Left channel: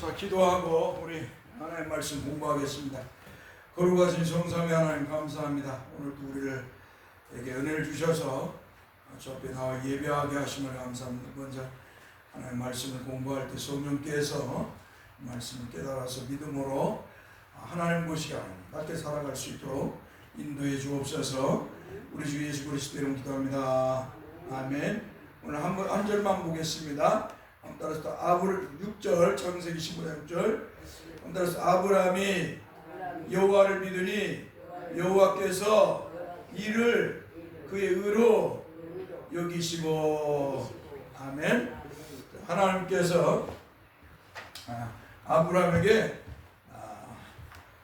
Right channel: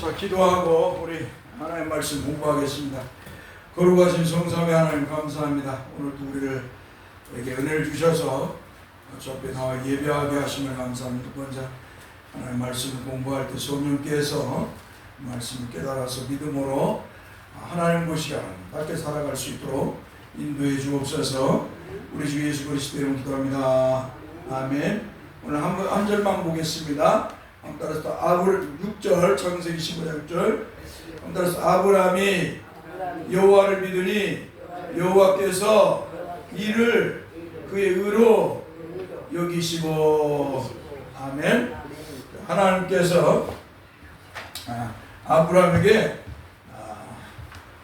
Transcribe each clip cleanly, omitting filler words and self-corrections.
자, 기도하고 우리 하나님의 말씀 공부하겠습니다. 거룩하신 성삼위 하나님 감사합니다. 오늘도 우리에게 은혜를 주셔서 저 앞에 나와 예배하게 하시면 감사합니다. 먼저 하나님의 말씀을 공부할 때 성령께서 말씀을 깨달아서 믿음으로 하나님 보시게 하나님답게 살아갈 수 있도록 인도해 주옵소서. 우리 주 예수 그리스도 이름으로 기도합니다. 아멘. 오늘 한 절만 보겠습니다. 따라서 아브라 6절 창세기 15장 6절 따라서 아브라함이 여호와를 믿으니 여호와께서 이를 그의 의로 여기시고 아멘. 하나님께서 아브라함에게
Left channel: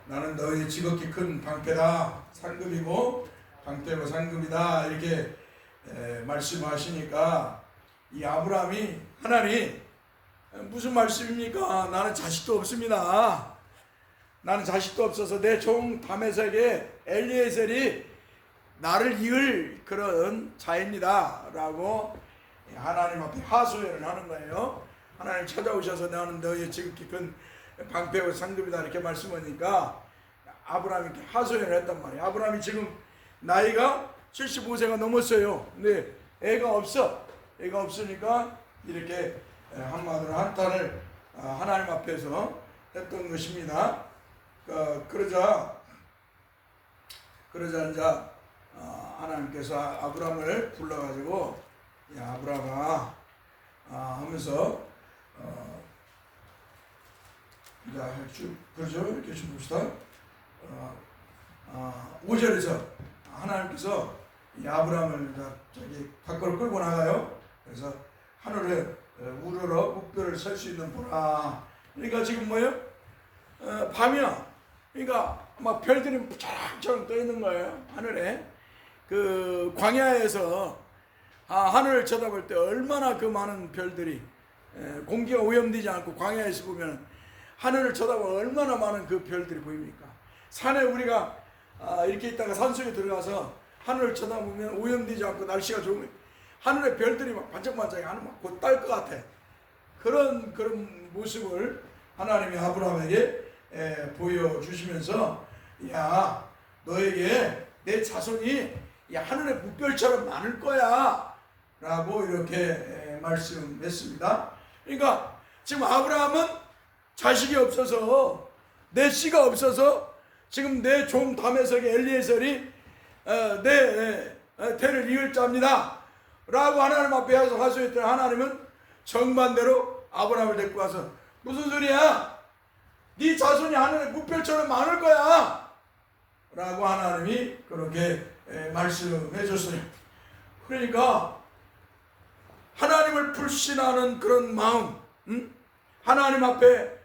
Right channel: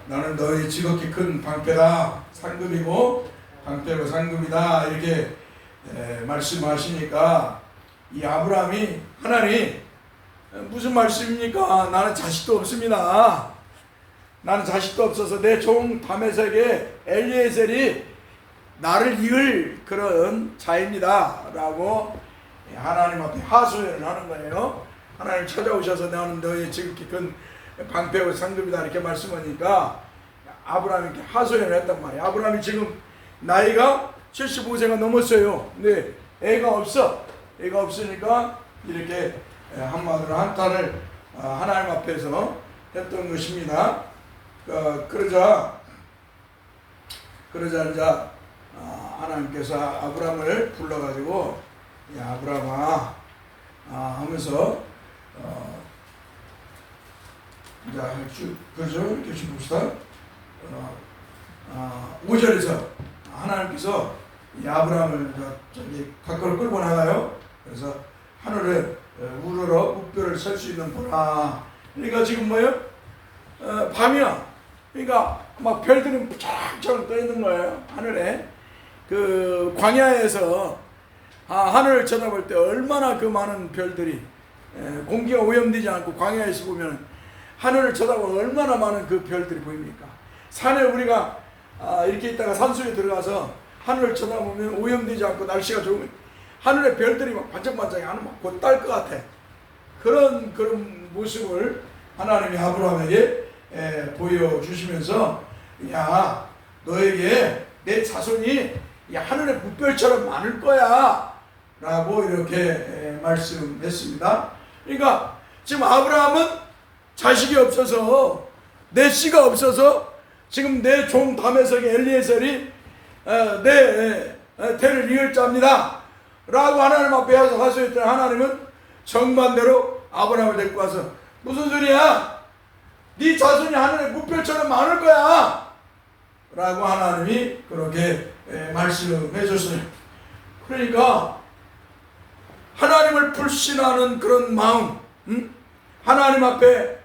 나는 너희 지극히 큰 방패다 상급이고 방패고 상급이다 이렇게 말씀하시니까 이 아브라함이 하나님 무슨 말씀입니까? 나는 자식도 없습니다. 나는 자식도 없어서 내 종 다메섹의 엘리에셀이 나를 이을 그런 자입니다 라고 하나님 앞에 하소연을 하는 거예요. 하나님 찾아오셔서 나는 너희 지극히 큰 방패고 상급이다 이렇게 말씀하니까 아브라함이 이렇게 하소연을 했단 말이에요. 아브라함이 지금 나이가 75세가 넘었어요. 근데 애가 없으니까 이렇게 한마디로 한탄을 하나님 앞에서 했던 것입니다. 그러자 이제 하나님께서 아브라함을 불러가지고 야 아브라함아 하면서 그죠? 이렇게 좀 봅시다. 5절에서 하나님께서 이 아브라함을 저기 가까이 끌고 나가요. 그래서 하늘에 우러러 묵표를 설 수 있는 보라. 그러니까 지금 뭐예요? 밤이야. 그러니까 막 별들이 쫙쫙 떠 있는 거예요. 하늘에. 그 광야에서 하늘을 쳐다볼 때 얼마나 그 많은 별들이 공기가 오염되지 않고 광야에서 보면 하늘을 쳐다보면 얼마나 많은 그 별들이 보입니까? 산에 우리가 이렇게 있다가 산속에 들어가서 하늘을 쳐다보면 오염되지 않고 날씨가 좋으면 하늘의 별들이 막 반짝반짝이 하는 막 곧 딸 것 같아. 그런 모습을 하나님이 아브라함에게 보여주시면서 야 너에게 내 자손이 하늘의 묵별처럼 많을 거야 라고 이렇게 말씀했습니다. 그러니까 지금 아브라함은 자식이 없어서 내 씨가 없어서 지금 내 종 다메섹의 엘리에셀이 내 태를 이을 자입니다 라고 하나님 앞에 하소했더니 하나님은 정반대로 아브라함을 데리고 와서 무슨 소리야? 네 자손이 하늘의 묵별처럼 많을 거야 라고 하나님이 그렇게 말씀해 줬어요. 그러니까 하나님을 불신하는 그런 마음, 하나님 앞에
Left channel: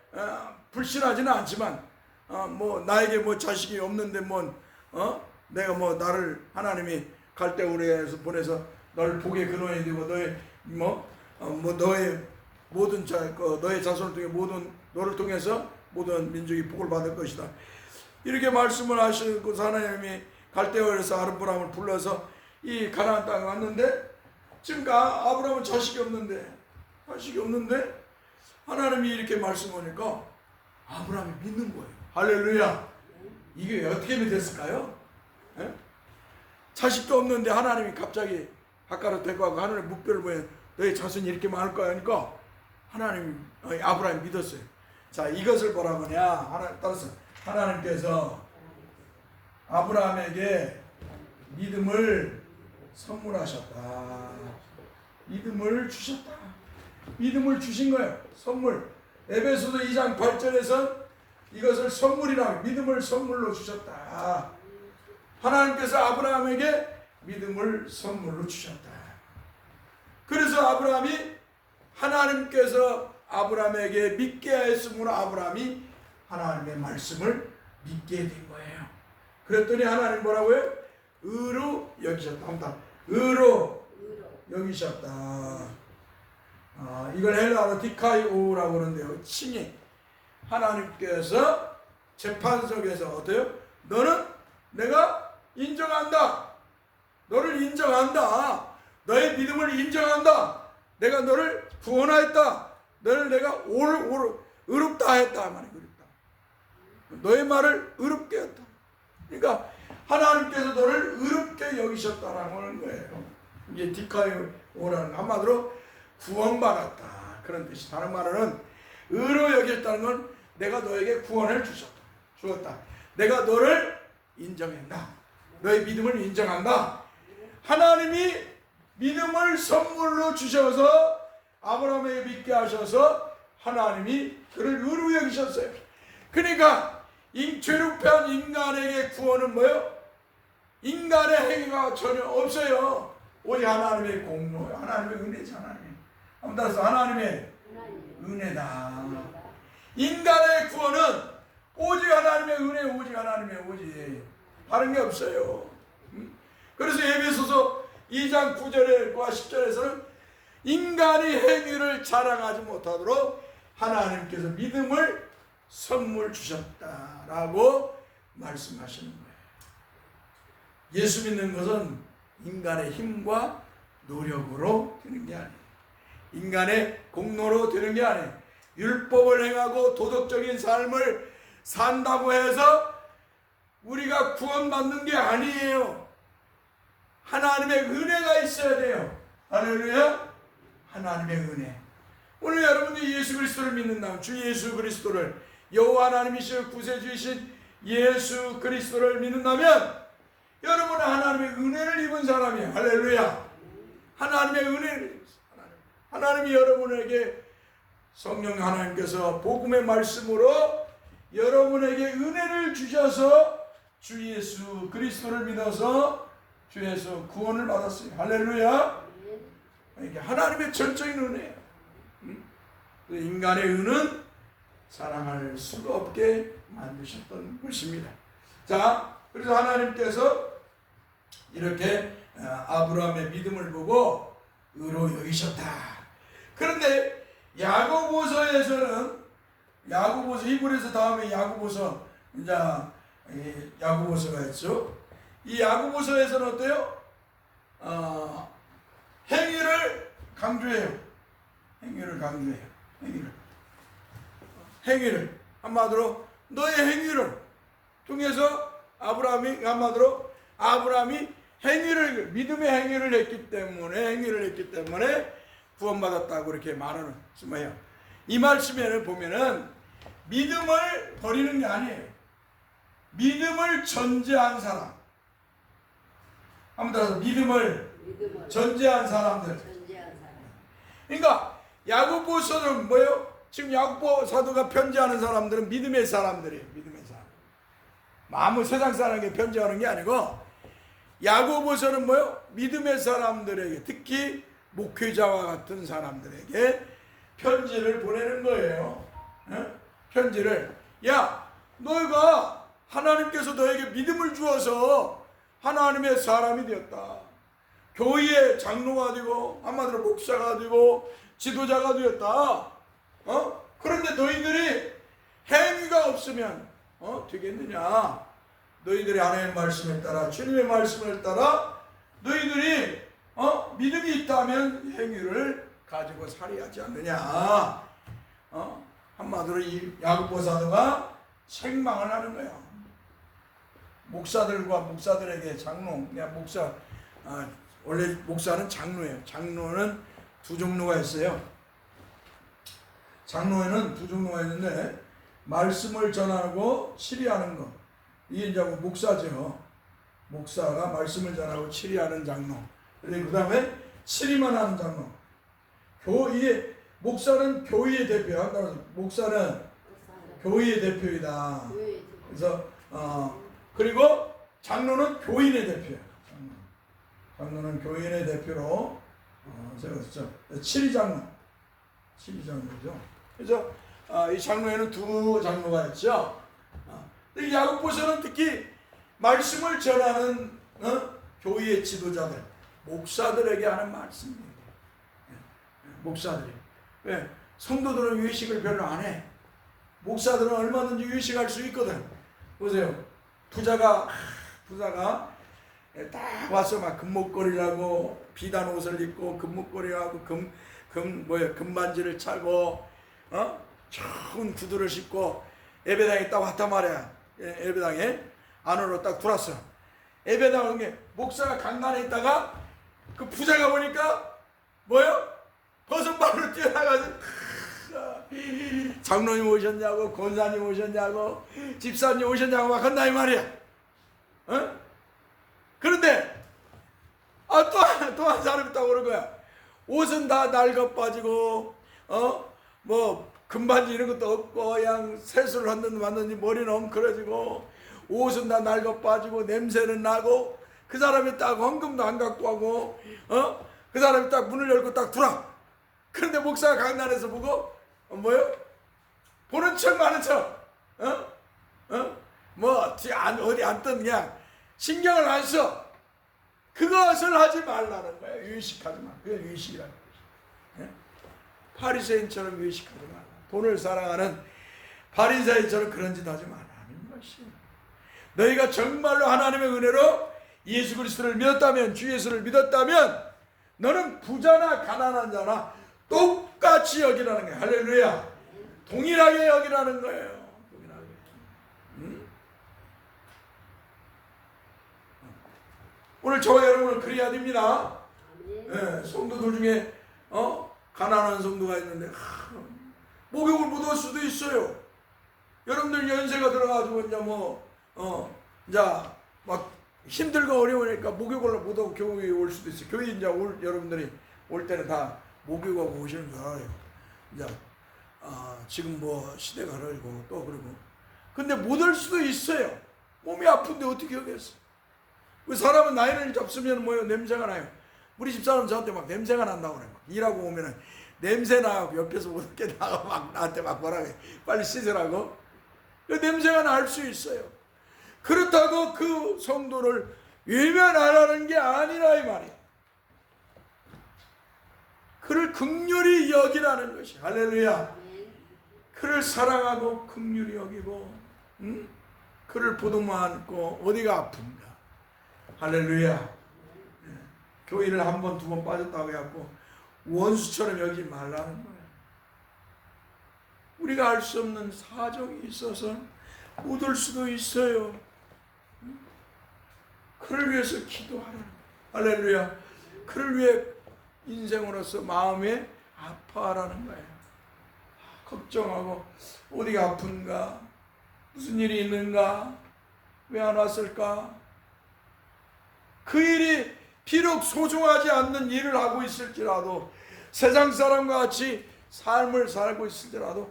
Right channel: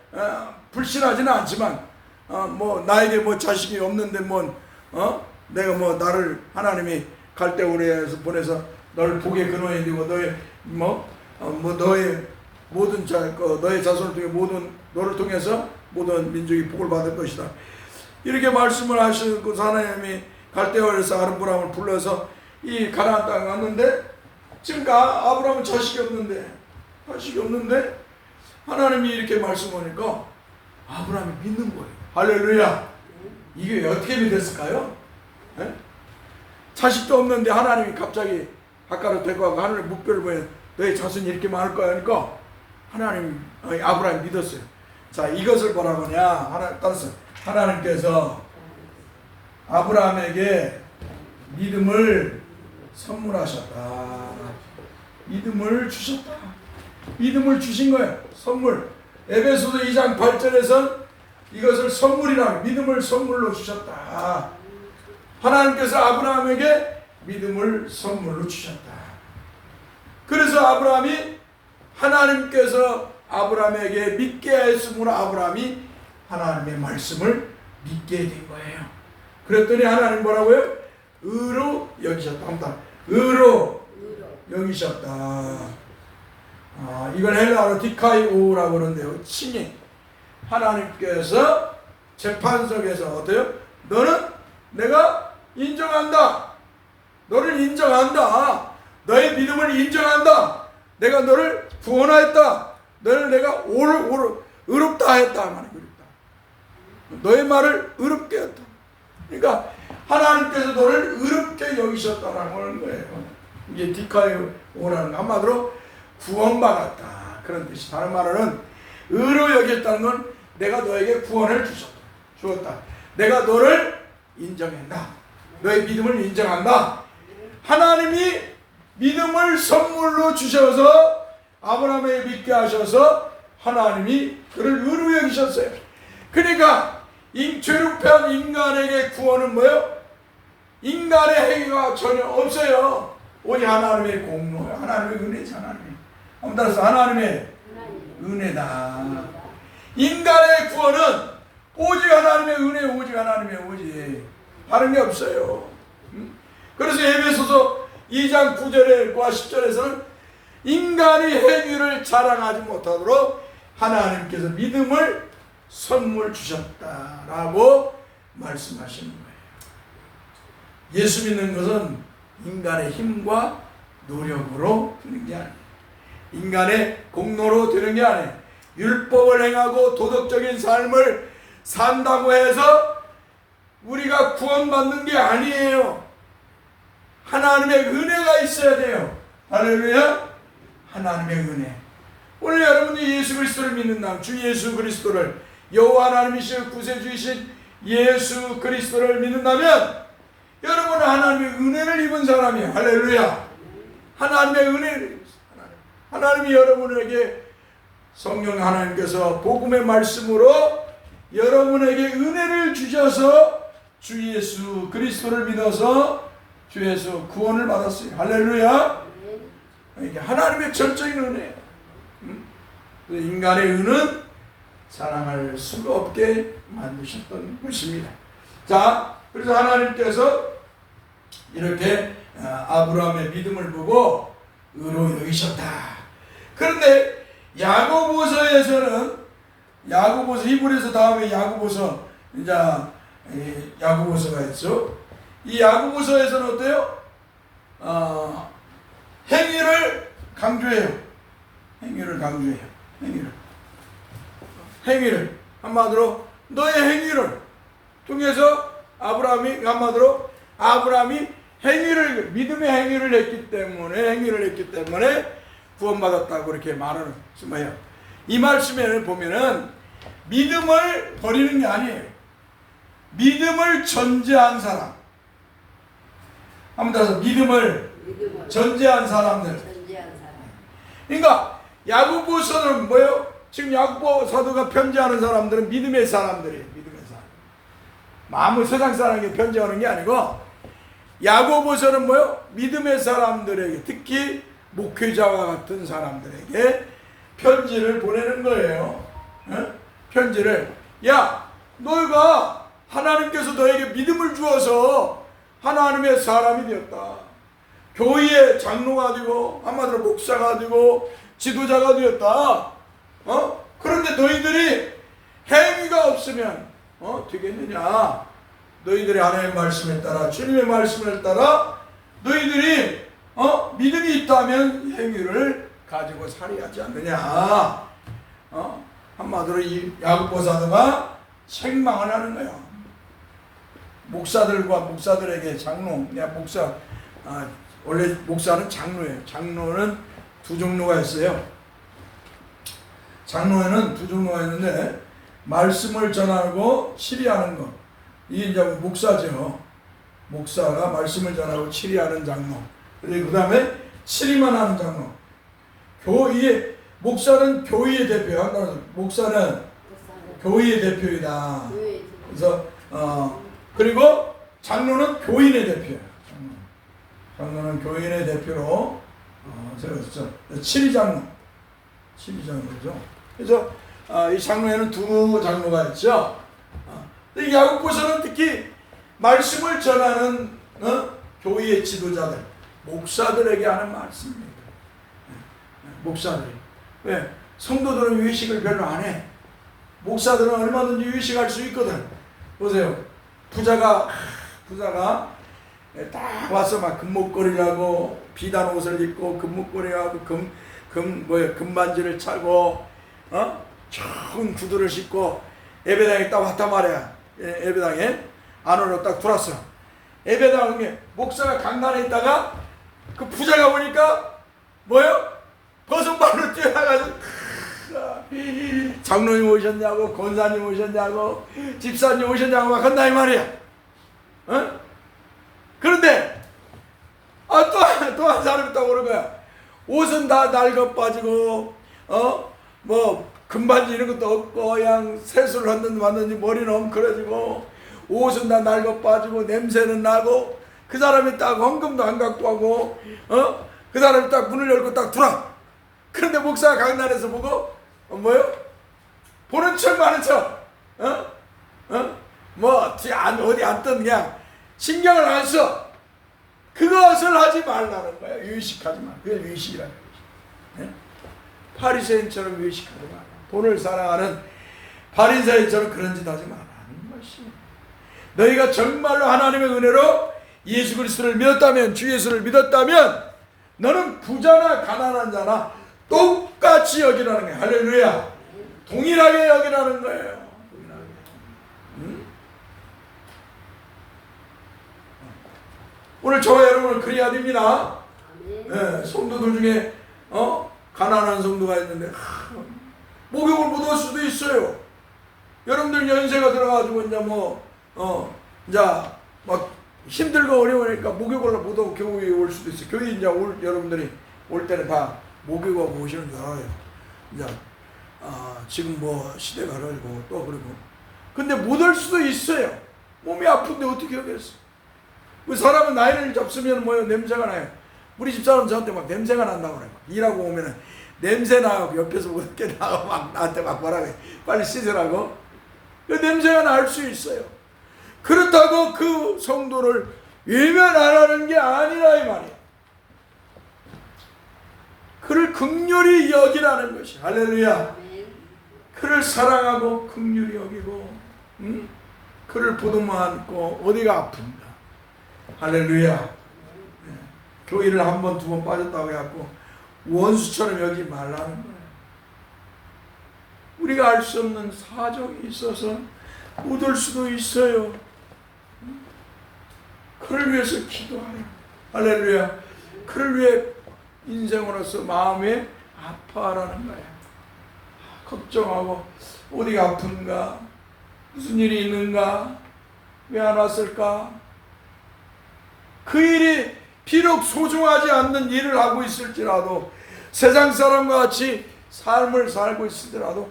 불신하지는 않지만 뭐 나에게 뭐 자식이 없는데 내가 뭐 나를 하나님이 갈대우리에서 보내서 너를 복의 근원이 되고 너의 너의 모든 너의 자손을 통해 너를 통해서 모든 민족이 복을 받을 것이다. 이렇게 말씀을 하시고 하나님이 갈대우리에서 아브라함을 불러서 이 가나안 땅에 왔는데 지금 아브라함은 자식이 없는데 하나님이 이렇게 말씀하니까 아브라함이 믿는 거예요. 할렐루야. 이게 어떻게 믿었을까요? 에? 자식도 없는데 하나님이 갑자기 가까이 데리고 가고 하늘의 묵표를 보여 너희 자손이 이렇게 많을 거야 하니까 아브라함이 믿었어요. 자, 이것을 뭐라고냐? 하나님께서 아브라함에게 믿음을 선물하셨다. 믿음을 주셨다. 믿음을 주신 거예요. 선물. 에베소서 2장 8절에서 이것을 선물이라고 믿음을 선물로 주셨다. 하나님께서 아브라함에게 믿음을 선물로 주셨다. 그래서 아브라함이 하나님께서 아브라함에게 믿게 하였으므로 아브라함이 하나님의 말씀을 믿게 된 거예요. 그랬더니 하나님 뭐라고요? 의로 여기셨다. 의로 여기셨다. 이걸 헬라어로 디카이오라고 하는데요. 칭의. 하나님께서 재판석에서 어때요? 너는 내가 인정한다. 너를 인정한다. 너의 믿음을 인정한다. 내가 너를 구원하였다. 너를 내가 의롭다 어렵다 했다 말이야. 어렵다. 너의 말을 어렵게 했다. 그러니까 하나님께서 너를 어렵게 여기셨다라는 거예요. 이게 디카이오라는 한마디로 구원받았다 그런 뜻이. 다른 말로는 의로 여겼다는 건 내가 너에게 구원을 주었다. 내가 너를 인정한다. 너의 믿음을 인정한다. 하나님이 믿음을 선물로 주셔서 아브라함에게 믿게 하셔서 하나님이 그를 의로 여기셨어요. 그러니까 죄롭한 인간에게 구원은 뭐예요? 인간의 행위가 전혀 없어요. 오직 하나님의 공로예요. 하나님의 은혜죠. 한번 따라서 하나님의 은혜다. 인간의 구원은 오직 하나님의 은혜, 오직 하나님의 오직 다른 게 없어요. 그래서 에베소서 2장 9절과 10절에서는 인간의 행위를 자랑하지 못하도록 하나님께서 믿음을 선물 주셨다라고 말씀하시는 거예요. 예수 믿는 것은 인간의 힘과 노력으로 되는 게 아니에요. 인간의 공로로 되는 게 아니에요. 율법을 행하고 도덕적인 삶을 산다고 해서 우리가 구원받는 게 아니에요. 하나님의 은혜가 있어야 돼요. 할렐루야. 하나님의 은혜. 오늘 여러분이 예수 그리스도를 믿는다면, 주 예수 그리스도를, 여호와 하나님이신 구세주이신 예수 그리스도를 믿는다면 여러분은 하나님의 은혜를 입은 사람이에요. 할렐루야. 하나님의 은혜를, 하나님이 여러분에게 성령 하나님께서 복음의 말씀으로 여러분에게 은혜를 주셔서 주 예수 그리스도를 믿어서 주 예수 구원을 받았어요. 할렐루야. 이게 하나님의 전적인 은혜예요. 인간의 은은 사랑할 수가 없게 만드셨던 것입니다. 자, 그래서 하나님께서 이렇게 아브라함의 믿음을 보고 의로 여기셨다. 그런데 야고보서에서는, 야고보서, 히브리서 다음에 야고보서, 이제 야고보서가 있죠. 이 야고보서에서는 어때요? 행위를 강조해요. 행위를 강조해요. 행위를 한마디로 너의 행위를 통해서 아브라함이 행위를, 믿음의 행위를 했기 때문에 구원받았다고 이렇게 말하는 거예요. 이 말씀에는 보면은 믿음을 버리는 게 아니에요. 믿음을 전제한 사람. 한번 따라서 믿음을 전제한 사람들. 그러니까 야고보서는 뭐예요? 지금 야고보 사도가 편지하는 사람들은 믿음의 사람들이에요. 믿음의 사람. 아무 세상 사람에게 편지하는 게 아니고 야고보서는 뭐예요? 믿음의 사람들에게, 특히 목회자와 같은 사람들에게 편지를 보내는 거예요. 편지를. 야, 너희가 하나님께서 너에게 믿음을 주어서 하나님의 사람이 되었다. 교회의 장로가 되고 한마디로 목사가 되고 지도자가 되었다. 그런데 너희들이 행위가 없으면 되겠느냐? 너희들이 하나님의 말씀에 따라, 주님의 말씀을 따라 너희들이 믿음이 있다면 행위를 가지고 살아야지 않느냐? 한마디로 이 야고보 사도가 책망을 하는 거야. 목사들과 목사들에게 장로, 목사, 원래 목사는 장로예요. 장로는 두 종류가 있어요. 장로에는 두 종류가 있는데, 말씀을 전하고 치리하는 것, 이게 이제 목사죠. 목사가 말씀을 전하고 치리하는 장로. 그 다음에 치리만 하는 장로. 이게 목사는 교회의 대표야. 목사는 교회의 대표이다. 그래서 그리고 장로는 교인의 대표야. 장로는 교인의 대표로 세웠죠. 치리장로. 치리장로죠. 그래서 이 장로에는 두 장로가 있죠. 이 야고보서는 특히 말씀을 전하는 교회의 지도자들, 목사들에게 하는 말씀입니다. 목사들이. 왜? 성도들은 외식을 별로 안 해. 목사들은 얼마든지 외식할 수 있거든. 보세요. 부자가 딱 와서 막 금목걸이를 하고 비단 옷을 입고 금목걸이하고 금반지를 차고 좋은 구두를 신고 예배당에 딱 왔단 말이야. 예배당에 안으로 딱 들어왔어. 예배당에 목사가 강단에 있다가 그 부자가 보니까 뭐요? 버선발로 뛰어나가지고 장로님 오셨냐고, 권사님 오셨냐고, 집사님 오셨냐고 막 한다 이 말이야. 어? 그런데 또 한 사람이 또 오는 거야. 옷은 다 낡아 빠지고 뭐 금반지 이런 것도 없고 그냥 세수를 왔는지 머리는 엉클어지고 옷은 다 낡아 빠지고 냄새는 나고 그 사람이 딱 헌금도 안 갖고 하고 그 사람이 딱 문을 열고 딱 들어와. 그런데 목사가 강단에서 보고 뭐요? 보는 척 마는 척 뭐 어디 앉든 그냥 신경을 안 써. 그것을 하지 말라는 거야. 의식하지 마. 그게 의식이라는 거지. 바리새인처럼 의식하지 마라. 돈을 사랑하는 바리새인처럼 그런 짓 하지 말라는 것이. 너희가 정말로 하나님의 은혜로 예수 그리스도를 믿었다면, 주 예수를 믿었다면 너는 부자나 가난한 자나 똑같이 여기라는 거야. 할렐루야. 동일하게 여기라는 거예요. 오늘 저와 여러분은 그래야 됩니다. 네, 성도들 중에 가난한 성도가 있는데 목욕을 못 올 수도 있어요. 여러분들 연세가 들어가지고 이제 이제 막 힘들고 어려우니까 목욕을 못 오고 교회에 올 수도 있어요. 교회 이제 여러분들이 올 때는 다 목욕하고 오시는 줄 알아요. 이제 지금 뭐 시대가 흐르고 또 그러고. 근데 못 올 수도 있어요. 몸이 아픈데 어떻게 하겠어? 그 사람은 나이를 잡수면 뭐요? 냄새가 나요. 우리 집사람 저한테 막 냄새가 난다고 그래요. 일하고 오면은 냄새 나고 옆에서 어떻게 나가 막 나한테 막 뭐라고 해. 빨리 씻으라고. 그 냄새가 날 수 있어요. 그렇다고 그 성도를 외면하라는 게 아니라 이 말이야. 그를 긍휼히 여기라는 것이. 할렐루야. 그를 사랑하고 긍휼히 여기고 그를 보듬어 안고 어디가 아픈가. 할렐루야. 네. 교회를 한 번, 두 번 빠졌다고 해갖고 원수처럼 여기지 말라는 거예요. 우리가 알 수 없는 사정이 있어서 못 올 수도 있어요. 그를 위해서 기도하라. 할렐루야. 그를 위해 인생으로서 마음에 아파하라는 거예요. 걱정하고 어디가 아픈가? 무슨 일이 있는가? 왜 안 왔을까? 그 일이 비록 소중하지 않는 일을 하고 있을지라도 세상 사람과 같이 삶을 살고 있을지라도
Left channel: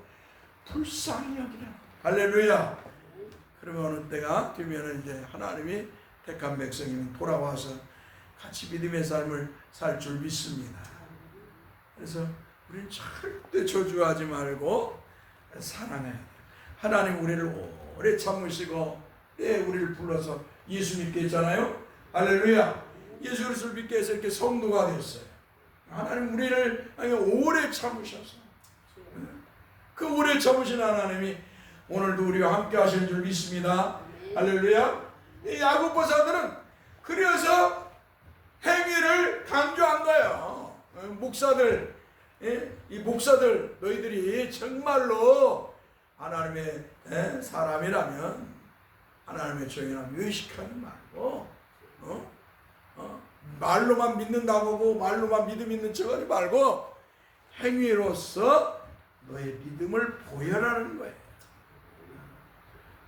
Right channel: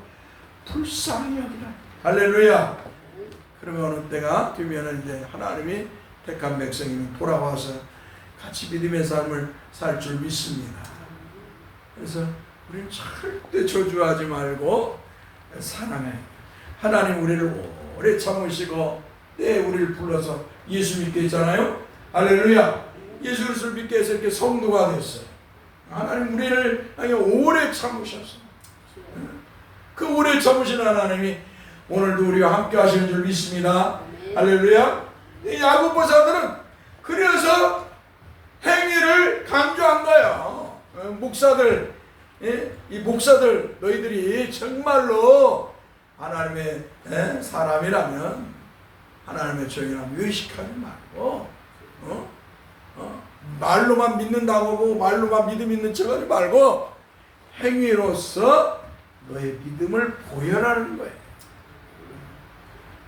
불쌍히 여기라. 할렐루야. 그러면 어느 때가 되면 이제 하나님이 택한 백성이면 돌아와서 같이 믿음의 삶을 살 줄 믿습니다. 그래서 우리는 절대 저주하지 말고 사랑해. 하나님 우리를 오래 참으시고 우리를 불러서 예수 믿게 했잖아요. 할렐루야. 예수 그리스도를 믿게 해서 이렇게 성도가 됐어요. 하나님 우리를 오래 참으셔서 그 오래 참으신 하나님이 오늘도 우리와 함께 하시는 줄 믿습니다. 할렐루야. 이 야고보서들은 그래서 행위를 강조한 거예요. 목사들, 이 목사들 너희들이 정말로 하나님의 사람이라면 하나님의 종이라면 의식하지 말고 말로만 믿는다고 하고 말로만 믿음 있는 척하지 말고 행위로서 너의 믿음을 보여라는 거예요.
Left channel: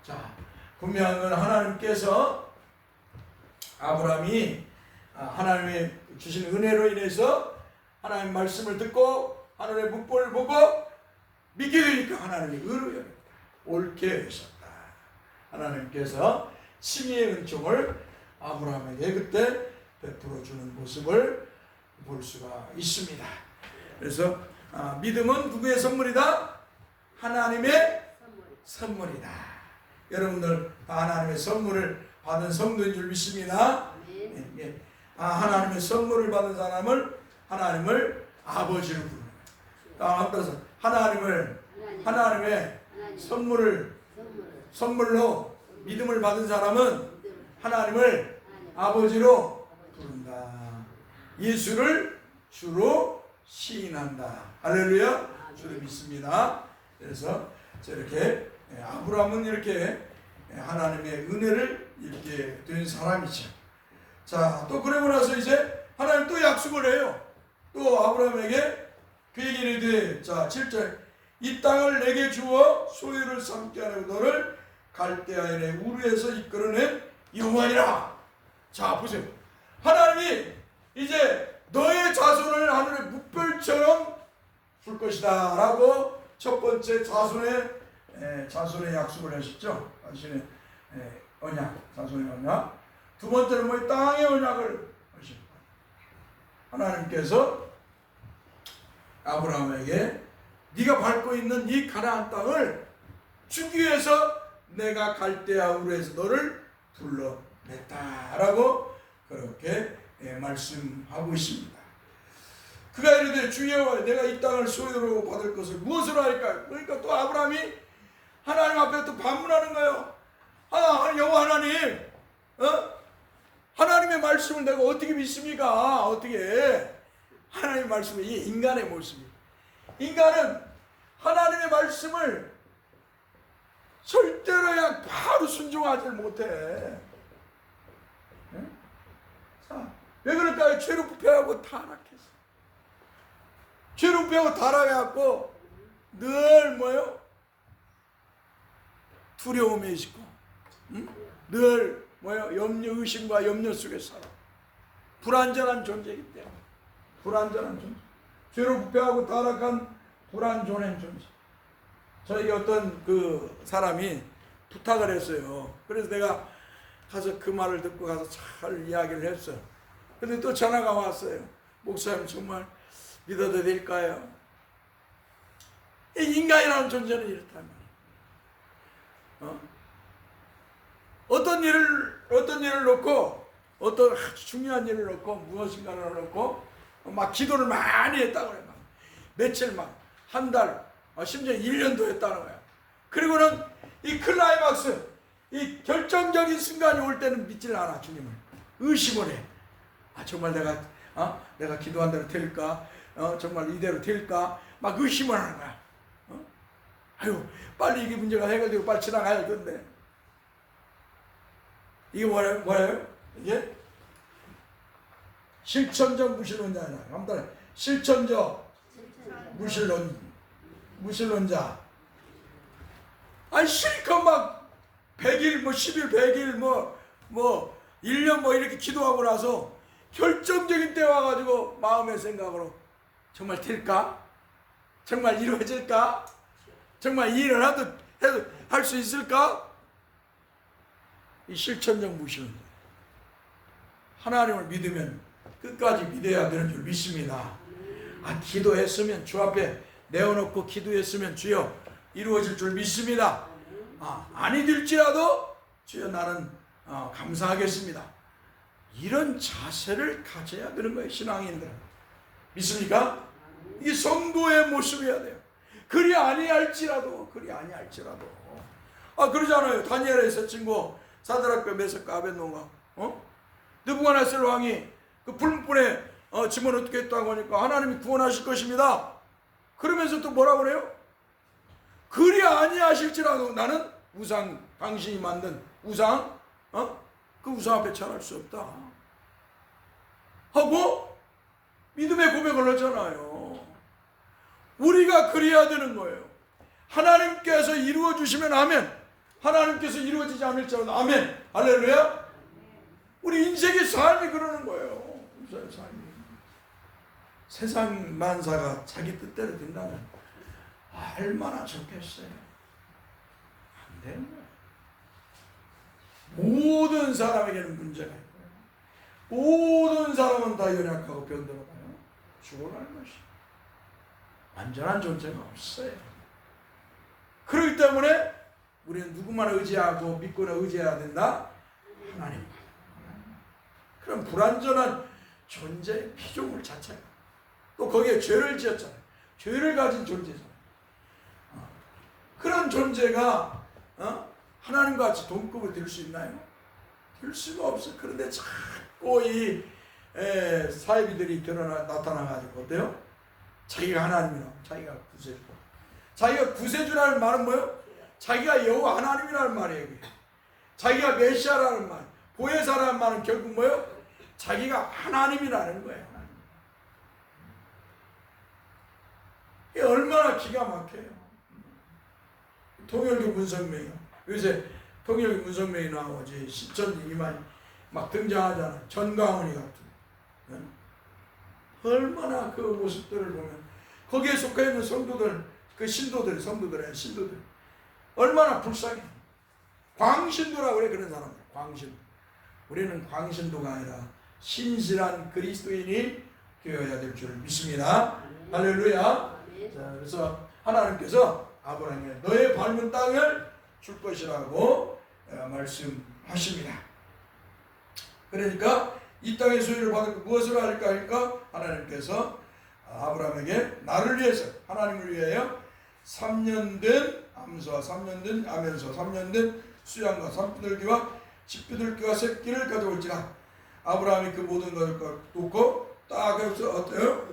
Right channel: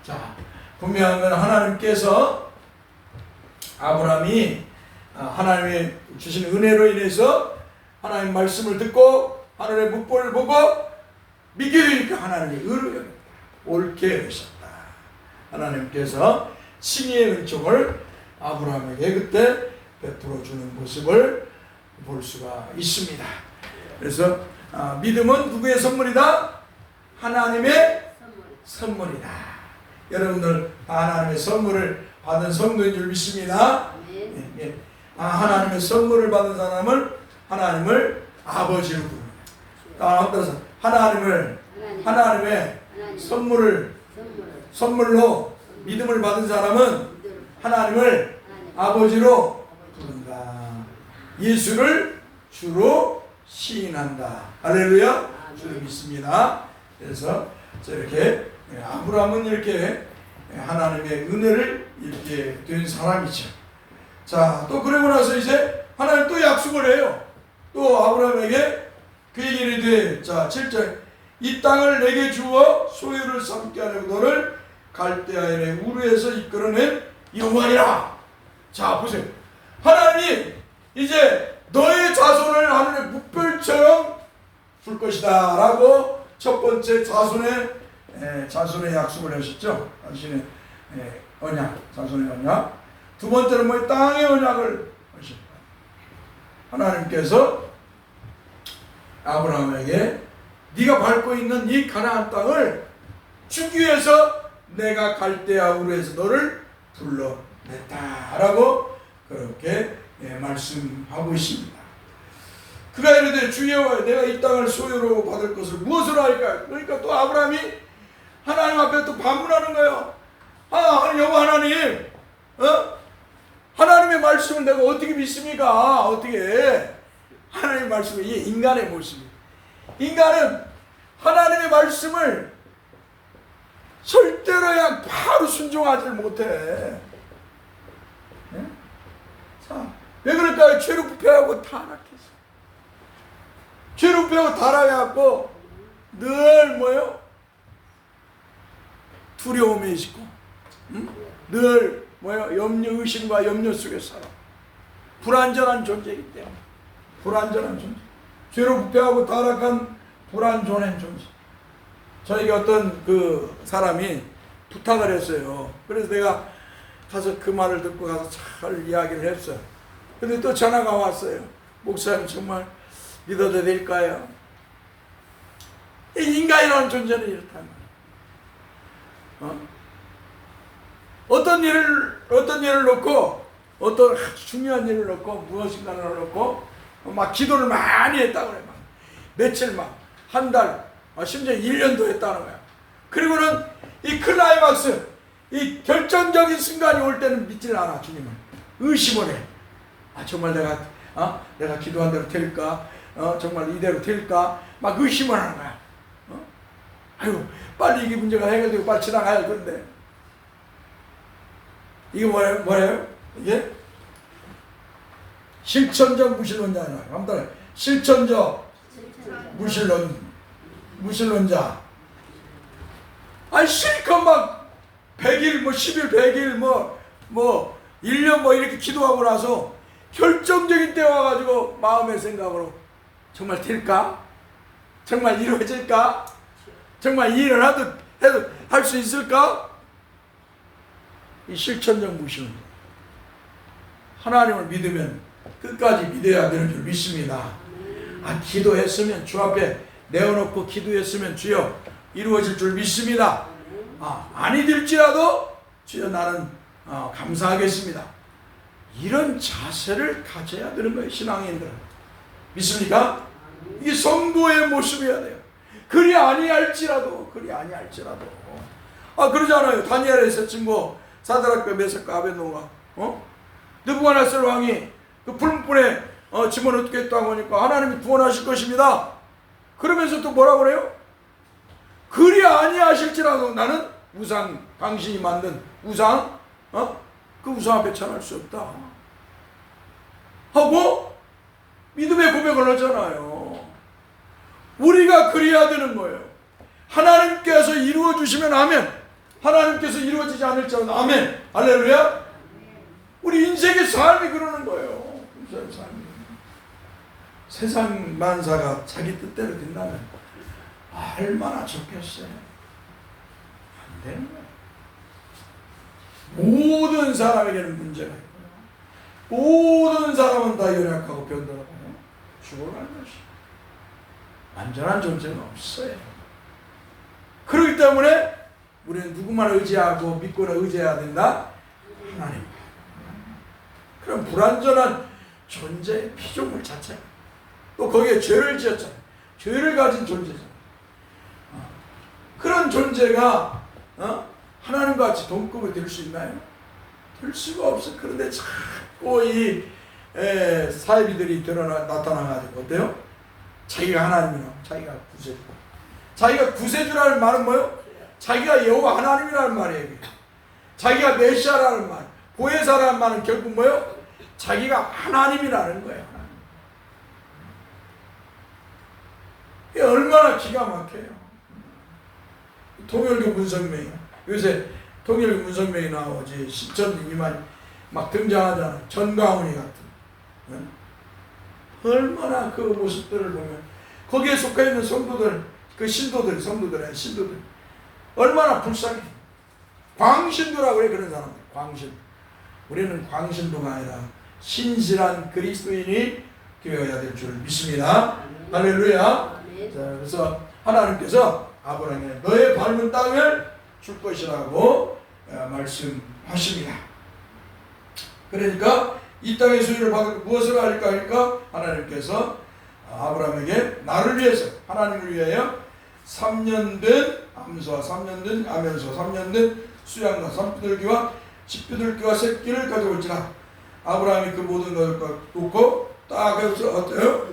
자, 분명한 건 하나님께서 아브라함이 하나님의 주신 은혜로 인해서 하나님 말씀을 듣고 하나님의 묵보를 보고 믿게 되니까 하나님의 의를 옳게 하셨다. 하나님께서 신의 은총을 아브라함에게 그때 베풀어 주는 모습을 볼 수가 있습니다. 그래서 믿음은 누구의 선물이다? 하나님의 선물이다. 여러분들 하나님의 선물을 받은 성도인 줄 믿습니다. 하나님의 선물을 받은 사람을 하나님을 아버지로 부릅니다. 하나님의 선물로 믿음을 받은 사람은 하나님을 아버지로 부른다. 예수를 주로 시인한다. 할렐루야. 주를 믿습니다. 그래서 저렇게 아브라함은 이렇게 하나님의 은혜를 이렇게 된 사람이죠. 자, 또 그러고 나서 이제 하나님 또 약속을 해요. 또 아브라함에게 그 얘기를 돼. 자, 7절. 이 땅을 내게 주어 소유를 삼게 하려고 너를 갈대아인의 우르에서 이끌어낸 여호와이라. 자, 보세요. 하나님이 이제 너의 자손을 하늘의 묵별처럼 줄 것이다 라고 첫 번째 자손의 약속을 하셨죠. 당신의 언약, 자손의 언약. 두 번째는 뭐 땅의 언약을 하셨다. 하나님께서 아브라함에게 네가 밟고 있는 이 가나안 땅을 주기 위해서 내가 갈대아 우르에서 너를 불러냈다라고 그렇게 말씀하고 있습니다. 그가 이르되 주여 내가 이 땅을 소유로 받을 것을 무엇으로 할까? 그러니까 또 아브라함이 하나님 앞에 또 반문하는 거예요. 여호와 하나님, 하나님의 말씀을 내가 어떻게 믿습니까? 어떻게? 하나님의 말씀이 이 인간의 모습이에요. 인간은 하나님의 말씀을 절대로 바로 순종하지 못해. 네? 자, 왜 그럴까요? 죄로 부패하고 타락해서. 죄로 부패하고 타락해갖고 늘 뭐요? 두려움에 있고, 늘 뭐요? 염려, 의심과 염려 속에 살아. 불완전한 존재이기 때문에. 불완전한 존재. 죄로 부패하고 타락한 불완전한 존재. 저에게 어떤 그 사람이 부탁을 했어요. 그래서 내가 가서 그 말을 듣고 가서 잘 이야기를 했어요. 근데 또 전화가 왔어요. 목사님 정말 믿어도 될까요? 이 인간이라는 존재는 이렇단 말이에요. 어떤 일을 놓고, 어떤 중요한 일을 놓고, 무엇인가를 놓고, 막 기도를 많이 했다고 그래요. 며칠 한 달, 심지어 1년도 했다는 거야. 그리고는 이 클라이막스, 이 결정적인 순간이 올 때는 믿질 않아, 주님은. 의심을 해. 정말 내가 기도한 대로 될까? 정말 이대로 될까? 막 의심을 하는 거야. 아유, 빨리 이게 문제가 해결되고 빨리 지나가야 되는데. 이게 뭐예요? 이게? 실천적 무신론자예요. 아무튼 실천적 무신론자. 실컷 막 100일, 10일, 100일, 1년 이렇게 기도하고 나서 결정적인 때 와가지고 마음의 생각으로 정말 될까? 정말 이루어질까? 정말 이 일을 해도 할 수 있을까? 이 실천적 무신론. 하나님을 믿으면 끝까지 믿어야 되는 줄 믿습니다. 기도했으면 주 앞에 내어놓고 기도했으면 주여 이루어질 줄 믿습니다. 아니 될지라도 주여 나는 감사하겠습니다. 이런 자세를 가져야 되는 거예요. 신앙인들은. 믿습니까? 이게 성도의 모습이어야 돼요. 그리 아니할지라도 그러잖아요. 다니엘에서 친구 사드락과 메삭과 아벳노가 느부갓네살 왕이 그 풀무불에 집어넣게 했다고 하니까 하나님이 구원하실 것입니다. 그러면서 또 뭐라 그래요? 그리 아니하실지라도 나는 우상, 당신이 만든 우상, 그 우상 앞에 찬할 수 없다 하고 믿음의 고백을 하잖아요. 우리가 그래야 되는 거예요. 하나님께서 이루어 주시면 아멘. 하나님께서 이루어지지 않을지라도 아멘. 할렐루야. 우리 인생의 삶이 그러는 거예요. 인생의 삶이. 세상 만사가 자기 뜻대로 된다면 얼마나 좋겠어요. 안 되는 거예요. 모든 사람에게는 문제가 있고요. 모든 사람은 다 연약하고 변덕하고 죽어가는 것이 완전한 존재가 없어요. 그렇기 때문에 우리는 누구만 의지하고 믿고나 의지해야 된다? 하나님. 그럼 불완전한 존재의 피조물 자체. 또 거기에 죄를 지었잖아요. 죄를 가진 존재잖아요. 그런 존재가 하나님과 같이 동급이 될 수 있나요? 될 수가 없어요. 그런데 자꾸 이 사이비들이 나타나가지고 어때요? 자기가 하나님이라고 자기가 구세고 자기가 구세주라는 말은 뭐예요? 자기가 여호와 하나님이라는 말이에요. 자기가 메시아라는 말, 보혜사라는 말은 결국 뭐예요? 자기가 하나님이라는 거예요. 이게 얼마나 기가 막혀요. 통일교 문성명이 요새 통일교 문성명이 나오지 신천지만 막 등장하잖아. 전광훈이 같은. 얼마나 그 모습들을 보면 거기에 속해 있는 성도들, 그 신도들, 성도들, 신도들 얼마나 불쌍해. 광신도라고 그래. 그런 사람들 광신. 우리는 광신도가 아니라 신실한 그리스도인이 되어야 될 줄 믿습니다. 할렐루야. 자, 그래서 하나님께서 아브라함에게 너의 밟은 땅을 줄 것이라고 말씀하십니다. 그러니까 이 땅의 소유를 받을 무엇을 할까 하니까 하나님께서 아브라함에게 나를 위해서, 하나님을 위하여 3년 된 암소와 3년 된 아면소와 3년 된 수양과 산비둘기와 집비둘기와 새끼를 가져올지라. 아브라함이 그 모든 것을 놓고 딱 해서 어때요?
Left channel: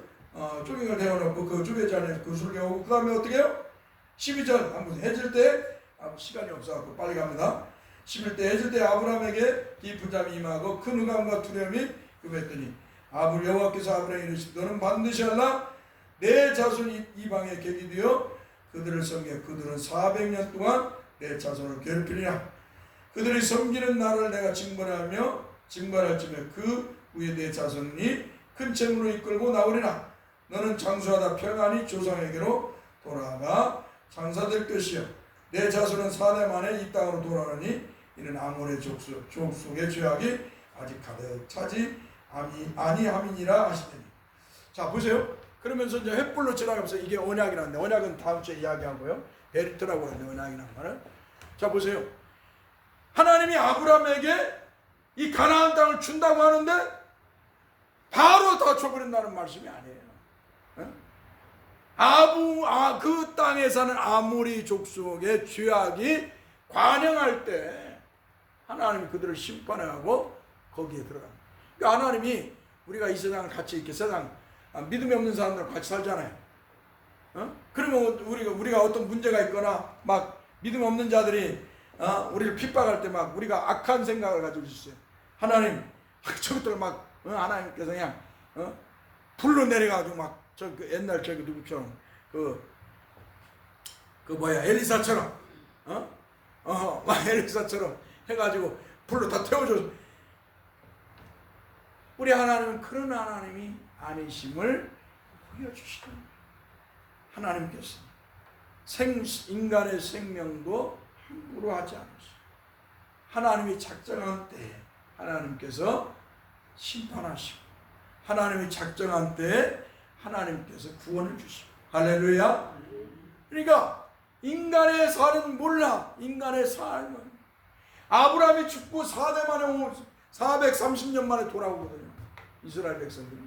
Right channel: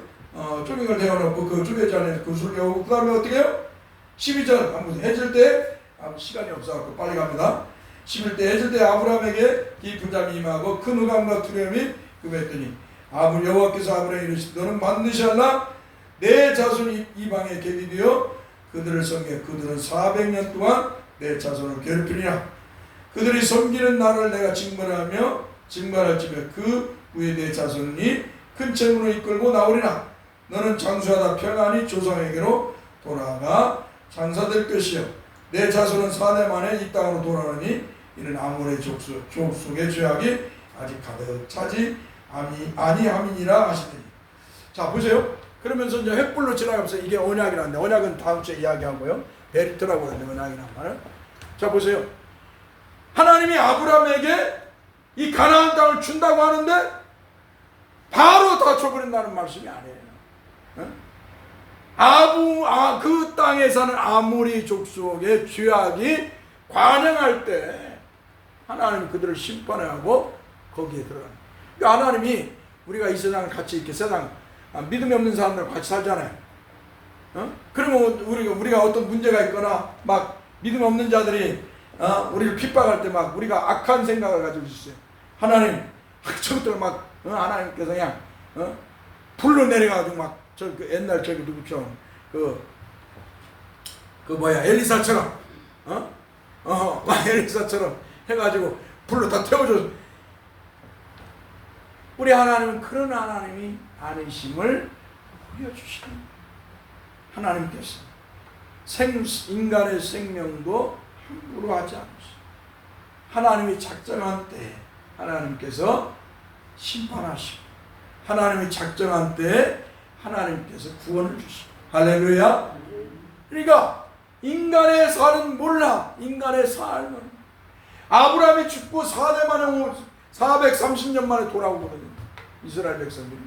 조명을 대어놓고 그 주배지 안에 그 술려오고 그 다음에 어떻게 해요? 12절 한번 해질 때 시간이 없어갖고 빨리 갑니다. 11대 해질 때 아브라함에게 깊은 잠이 임하고 큰 의감과 두려움이 금했더니 여호와께서 아브라함에게 이르시되 너는 반드시 하나 내 자손이 이방에 객이 되어 그들을 섬겨 그들은 400년 동안 내 자손을 괴롭히리라. 그들이 섬기는 나를 내가 징벌하며 징벌할지며 그 후에 내 자손이 큰 재물을 이끌고 나오리라. 너는 장수하다 평안히 조상에게로 돌아가 장사될 것이요 내 자손은 4대 만에 이 땅으로 돌아오니 이는 아몬의 족속의 죄악이 아직 가득 차지 아니함이니라 하시더니. 자 보세요. 그러면서 이제 횃불로 지나가면서 이게 언약이라는데, 언약은 다음 주에 이야기하고요. 베리트라고 하는데 언약이라는 말은. 자 보세요. 하나님이 아브라함에게 이 가나안 땅을 준다고 하는데 바로 다 줘버린다는 말씀이 아니에요. 그 땅에 사는 아모리 족속의 죄악이 관행할 때 하나님이 그들을 심판하고 거기에 들어가는. 하나님이 우리가 이 세상 같이 이렇게 세상 믿음이 없는 사람들과 같이 살잖아요. 그러면 우리가 어떤 문제가 있거나 막 믿음 없는 자들이 우리를 핍박할 때 막 우리가 악한 생각을 가지고 있어요. 하나님 저것들 막 하나님께서 그냥 불로 내려가지고 막 그 옛날 저기 누구처럼 그 엘리사처럼 막 엘리사처럼 해가지고 불로 다 태워줘. 우리 하나님은 그런 하나님이 아니심을 보여주시는 하나님께서 인간의 생명도 함부로 하지 않으시고 하나님이 작정한 때에 하나님께서 심판하시고 하나님이 작정한 때에 하나님께서 구원을 주시고. 할렐루야. 그러니까 인간의 삶은 몰라. 인간의 삶은 아브라함이 죽고 4대 만에 430년 만에 돌아오거든요. 이스라엘 백성들이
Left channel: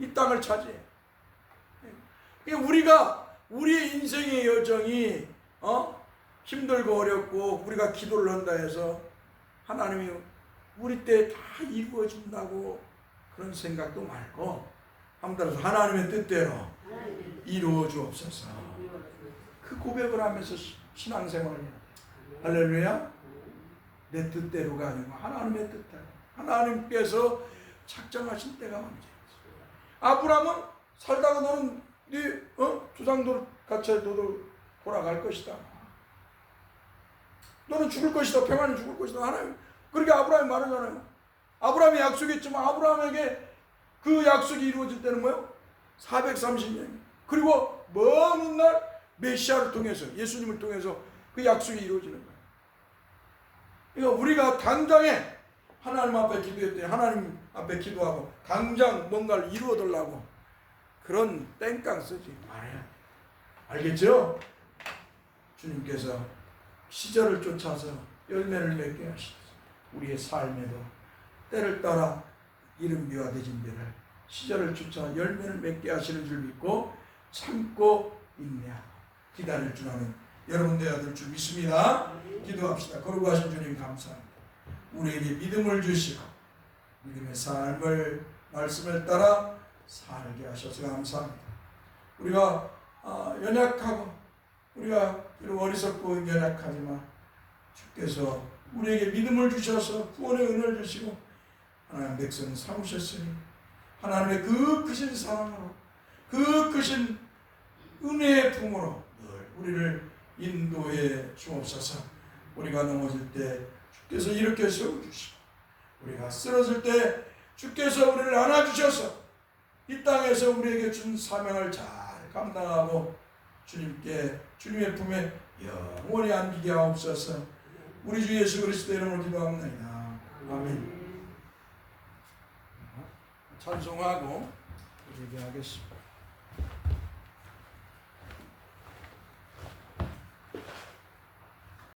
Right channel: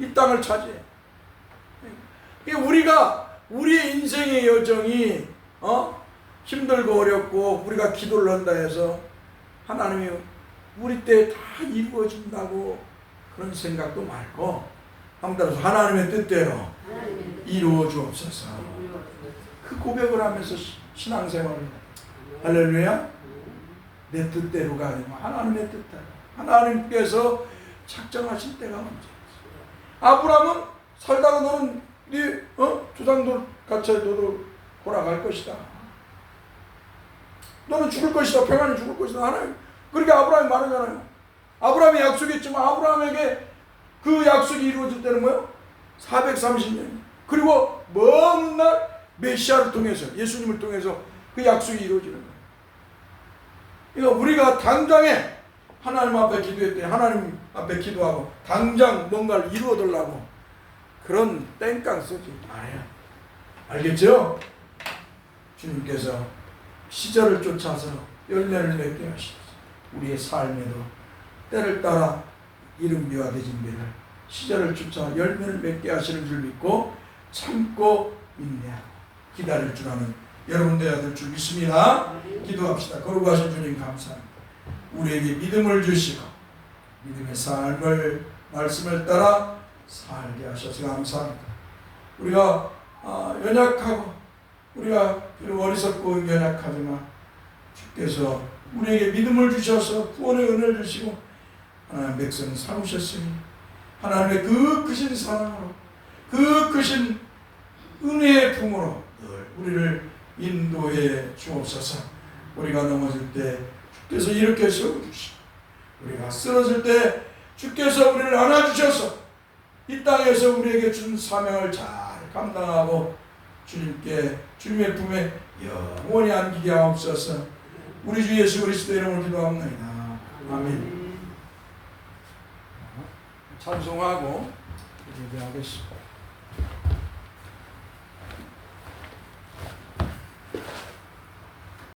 이 땅을 차지해. 우리 인생의 여정이 힘들고 어렵고 우리가 기도를 한다 해서 하나님이 우리 때 다 이루어진다고 그런 생각도 말고 한번 하나님의 뜻대로 이루어 주옵소서. 그 고백을 하면서 신앙생활을. 할렐루야. 내 뜻대로가 아니고 하나님의 뜻대로. 하나님께서 작정하신 때가 언제. 아브라함은 살다가 너는 네 조상들 같이 너도 돌아갈 것이다. 너는 죽을 것이다. 평안히 죽을 것이다. 하나님. 그렇게 아브라함이 말하잖아요. 아브라함이 약속했지만 아브라함에게 그 약속이 이루어질 때는 뭐예요? 430년. 그리고 먼 날 메시아를 통해서 예수님을 통해서 그 약속이 이루어지는 거예요. 그러니까 우리가 당장에 하나님 앞에 기도할 때 하나님 앞에 기도하고 당장 뭔가를 이루어달라고 그런 땡깡 쓰지 말아요. 알겠죠? 주님께서 시절을 쫓아서 열매를 맺게 하시옵소서. 우리의 삶에도 때를 따라 이른비와 대진비를 시절을 쫓아 열매를 맺게 하시는 줄 믿고 참고 인내하고 기다릴 줄 아는 여러분 되어야 될 줄 믿습니다. 기도합시다. 거룩하신 주님 감사합니다. 우리에게 믿음을 주시고 믿음의 삶을 말씀을 따라 살게 하셔서 감사합니다. 우리가 연약하고 우리가 비록 어리석고 연약하지만 주께서 우리에게 믿음을 주셔서 구원의 은혜를 주시고 하나님 백성을 삼으셨으니 하나님의 그 크신 사랑으로 그 크신 은혜의 품으로 늘 우리를 인도해 주옵소서. 우리가 넘어질 때 주께서 일으켜 세워주시고 우리가 쓰러질 때 주께서 우리를 안아주셔서 이 땅에서 우리에게 준 사명을 잘 감당하고 주님의 품에 영원히 안기게 하옵소서. 우리 주 예수 그리스도의 이름으로 기도합니다. 아멘. 찬송하고 기도하겠습니다.